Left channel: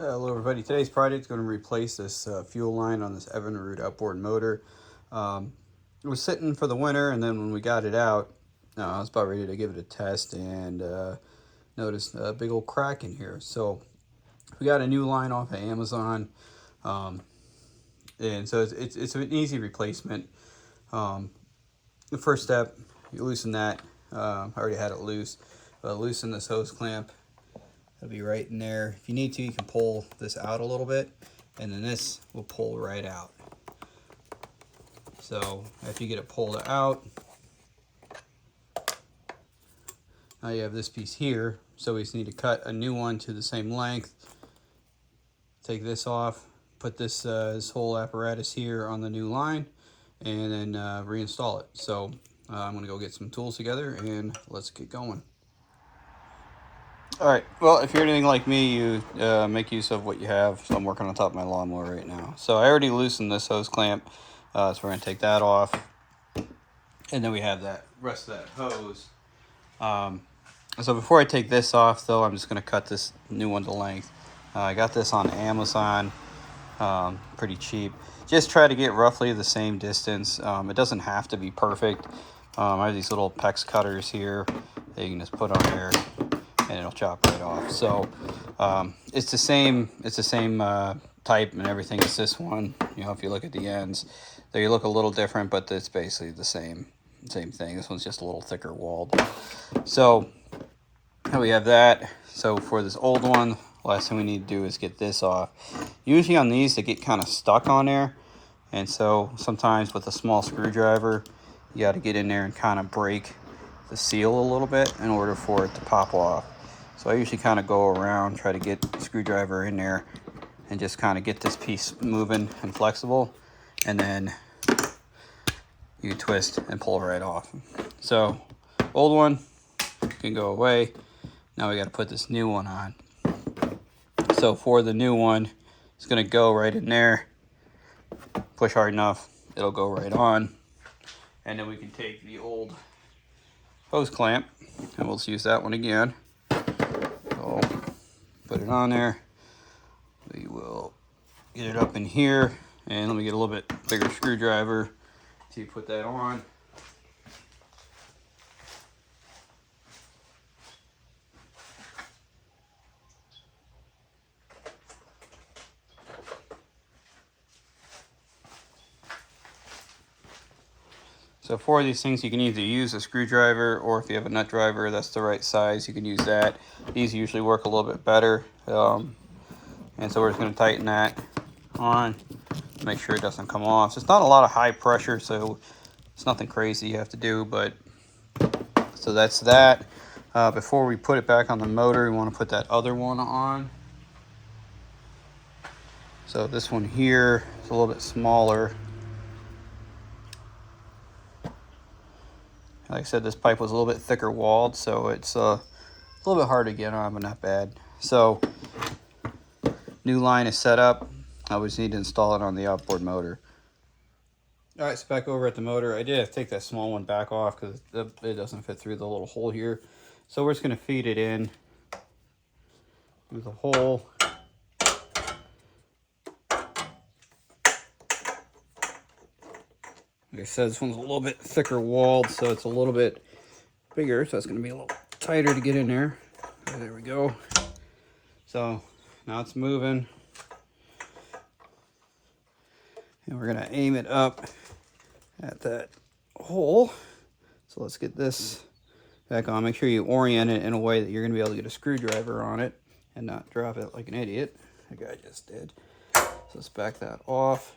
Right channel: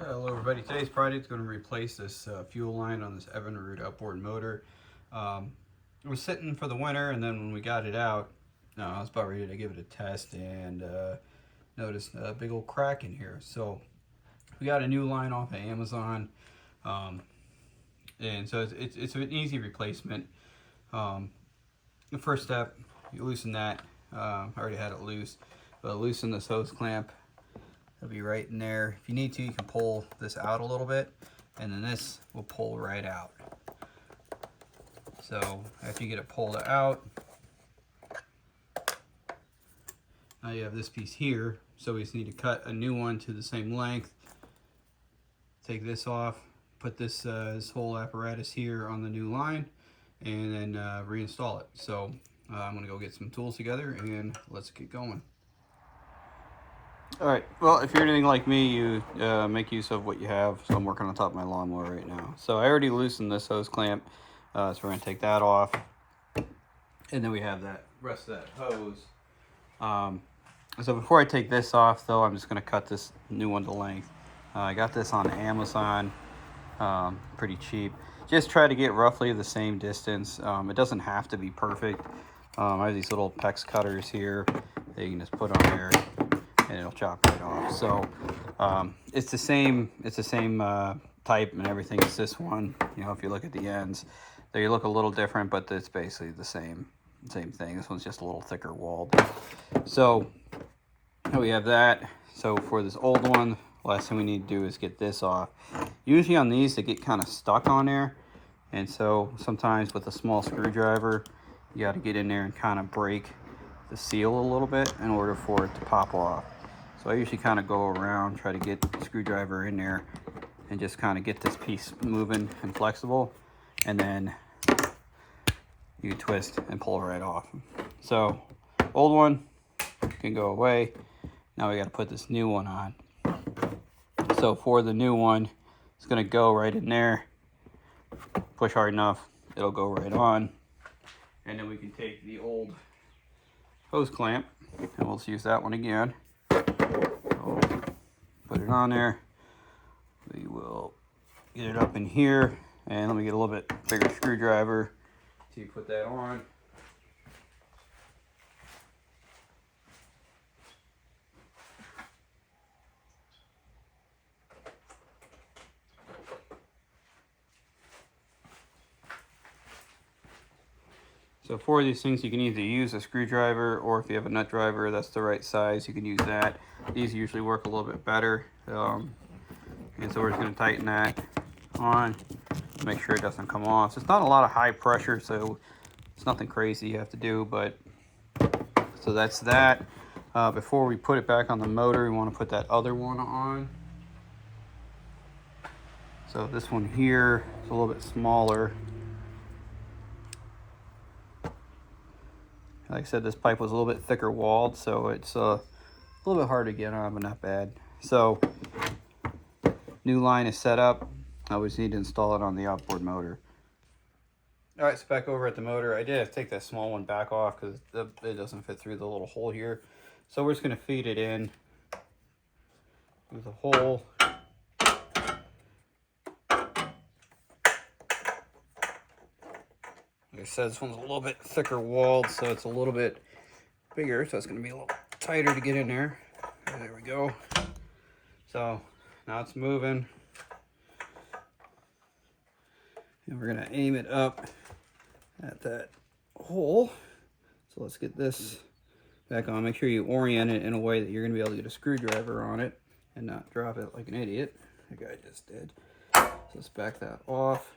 Hello everybody, today's project is going to replace this fuel line on this Evinrude outboard motor. It was sitting for the winter, and then when we got it out, I was about ready to give it a test and noticed a big old crack in here. So we got a new line off of Amazon, and so it's an easy replacement. The first step, you loosen that. I already had it loose, but loosen this hose clamp. It'll be right in there. If you need to, you can pull this out a little bit, and then this will pull right out. So after you get it pulled out, now you have this piece here. So we just need to cut a new one to the same length. Take this off, put this whole apparatus here on the new line, and then reinstall it. So I'm gonna go get some tools together and let's get going. All right, well, if you're anything like me, you make use of what you have. So I'm working on top of my lawnmower right now. So I already loosened this hose clamp, so we're gonna take that off. And then we have that rest of that hose. So before I take this off though, I'm just gonna cut this new one to length. I got this on Amazon, pretty cheap. Just try to get roughly the same distance. It doesn't have to be perfect. I have these little PEX cutters here that you can just put on there, and it'll chop right off. So it's the same type and everything as this one. You know, if you look at the ends, they look a little different, but it's basically the same thing. This one's just a little thicker walled. So we have that. So for this old one, last thing we need to do is get this off. Usually on these, they get kind of stuck on there, and so sometimes with a small screwdriver, you got to get in there and kind of break the seal a little bit in order for it to pop off. So I usually kind of go around, try to get the screwdriver in there and just kind of get this piece moving and flexible, and then you twist and pull right off. So old one can go away. Now we got to put this new one on. So for the new one, it's going to go right in there. Push hard enough, it'll go right on. And then we can take the old hose clamp, and we'll just use that one again. So put it on there. We will get it up in here, and let me get a little bit bigger screwdriver to put that on. So for these things, you can either use a screwdriver, or if you have a nut driver that's the right size, you can use that. These usually work a little bit better. And so we're just going to tighten that on, make sure it doesn't come off. So it's not a lot of high pressure, so it's nothing crazy you have to do, but so that's that. Before we put it back on the motor, we want to put that other one on. So this one here is a little bit smaller. Like I said, this pipe was a little bit thicker walled, so it's a little bit hard to get on, but not bad. So new line is set up. I just need to install it on the outboard motor. All right, so back over at the motor, I did have to take that small one back off because it doesn't fit through the little hole here. So we're just going to feed it in with a hole. Like I said, this one's a little bit thicker walled, so it's a little bit bigger, so it's going to be a little tighter to get in there. There we go. So now it's moving. And we're going to aim it up at that hole. So let's get this back on. Make sure you orient it in a way that you're going to be able to get a screwdriver on it and not drop it like an idiot, like I just did. So let's back that off.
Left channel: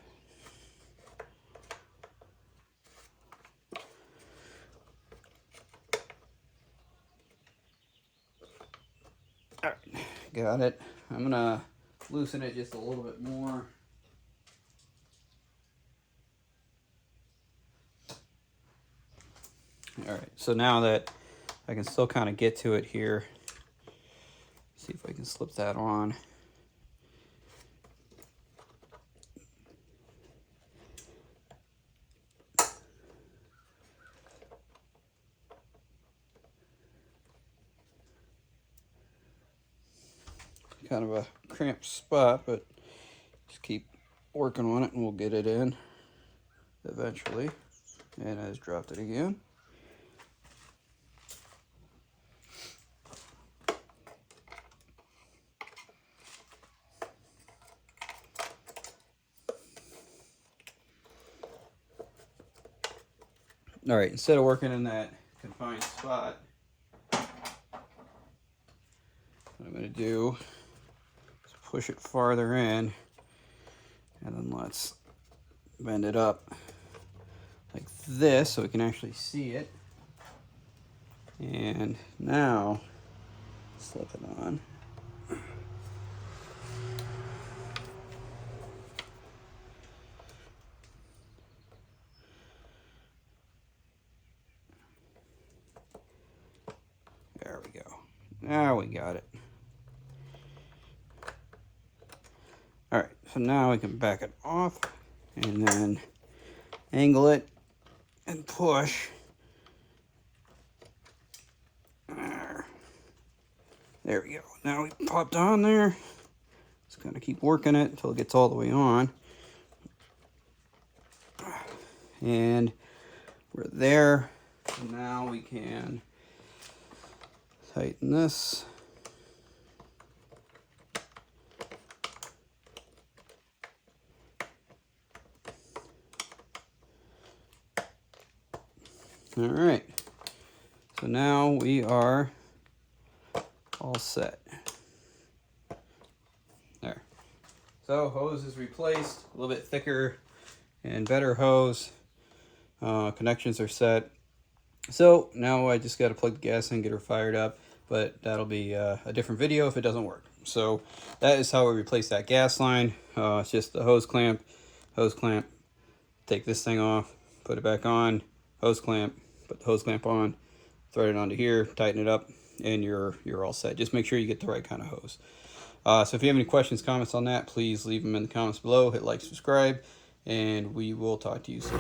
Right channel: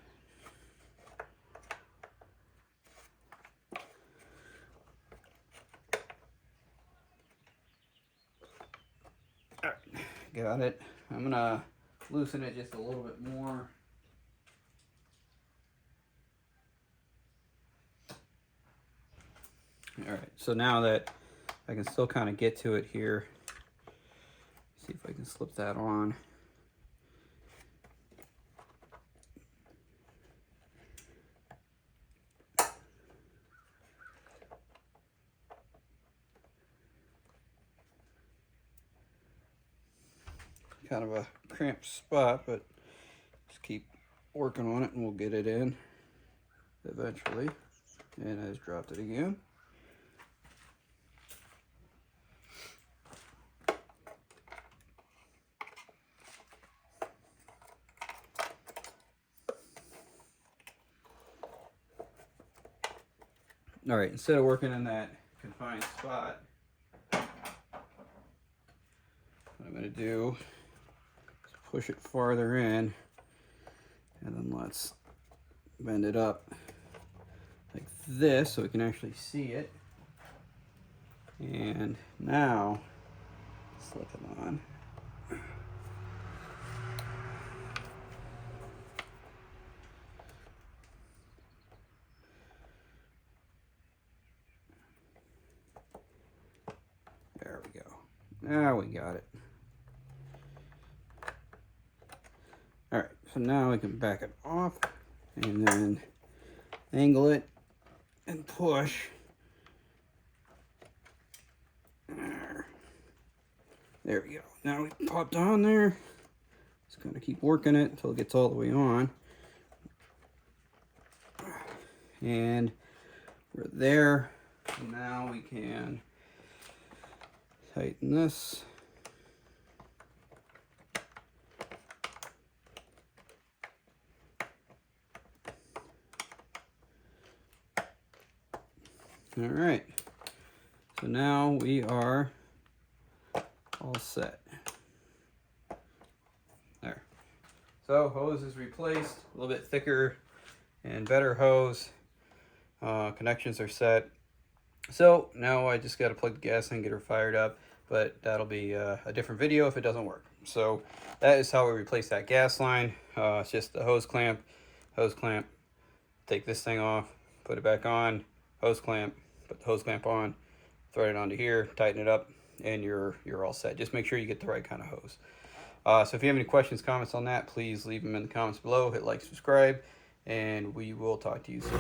Got it. I'm gonna loosen it just a little bit more. All right, so now that I can still kind of get to it here, see if I can slip that on. Kind of a cramped spot, but just keep working on it and we'll get it in eventually. And I just dropped it again. All right, instead of working in that confined spot, what I'm going to do is push it farther in, and then let's bend it up like this so we can actually see it. And now slip it on. There we go. Now we got it. All right, so now we can back it off and then angle it and push. There we go. Now we popped on there. Just gonna keep working it until it gets all the way on. And we're there. So now we can tighten this. All right. So now we are all set. There. So hose is replaced, a little bit thicker and better hose. Connections are set. So now I just got to plug the gas in, get her fired up, but that'll be a different video if it doesn't work. So that is how we replace that gas line. It's just the hose clamp, take this thing off, put it back on, hose clamp, put the hose clamp on, thread it onto here, tighten it up, and you're all set. Just make sure you get the right kind of hose. So if you have any questions, comments on that, please leave them in the comments below. Hit like, subscribe, and we will talk to you soon.